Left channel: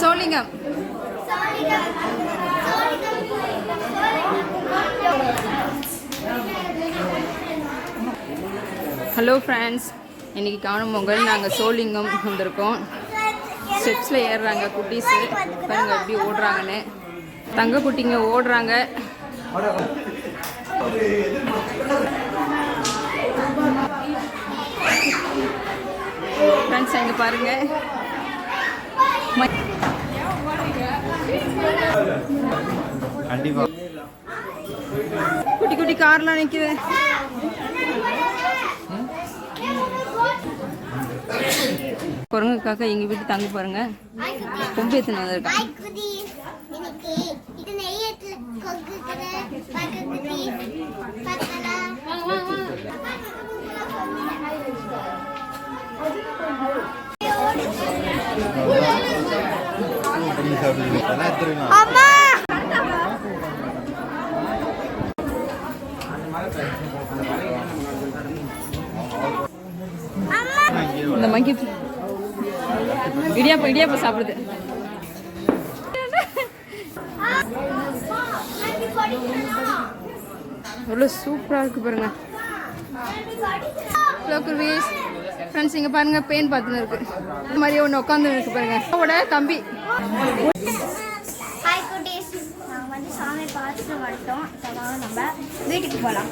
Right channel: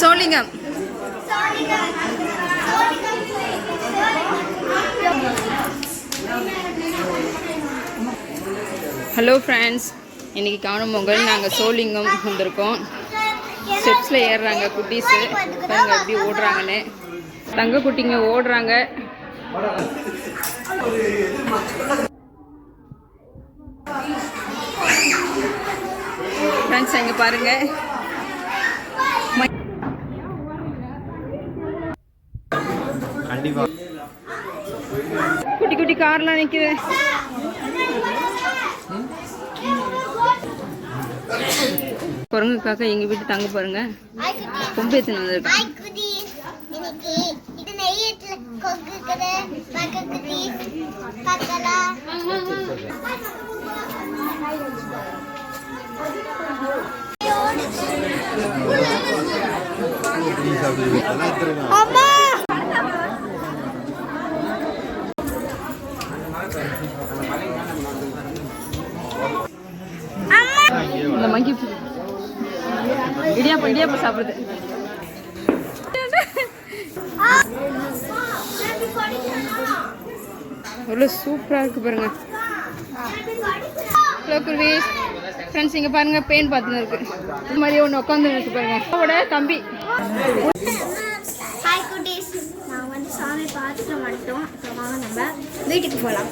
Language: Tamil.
சோளிங்கம். ஹலோ ஃப்ரெண்ட்ஸ், இன்றைக்கி காணும் பொங்கல். நாங்கள் சோளிங்கம் வந்திருக்கோம். ஸ்டெப்ஸில் ஏறுறாங்க குட்டீஸு. பாருங்க எப்படி ஓடுறாங்கன்னு. தங்க குட்டிங்க ஓடுறாங்க. ஃப்ரெண்ட்ஸ் இங்கே பாருங்கள். குட்டி குட்டி கார்லாம் நிற்குது. குரங்குக்காக எங்கள் வீட்டு தங்க பாருங்க. கொம்பு ஏற்றுன்னு வந்திருக்கான். இந்த மங்கி இடியாப்ப சாப்பிடுது. எவ்வளோ சூப்பராக இருக்கு பாருங்க. ஹலோ குருவீஸ். ஃப்ரெண்ட்ஸ் இங்கே பாருங்க, பெயின் பார்த்துன்னு இருக்கு. இது மாதிரி ஒன்று உட்காந்து இருக்கு பாருங்க. அவட தம்பி. ஹாய் குட்டீஸ், நாங்கள் சாமி பார்த்துட்டு வந்துட்டோம். நம்ம வீட்டுக்கு போகலாம்.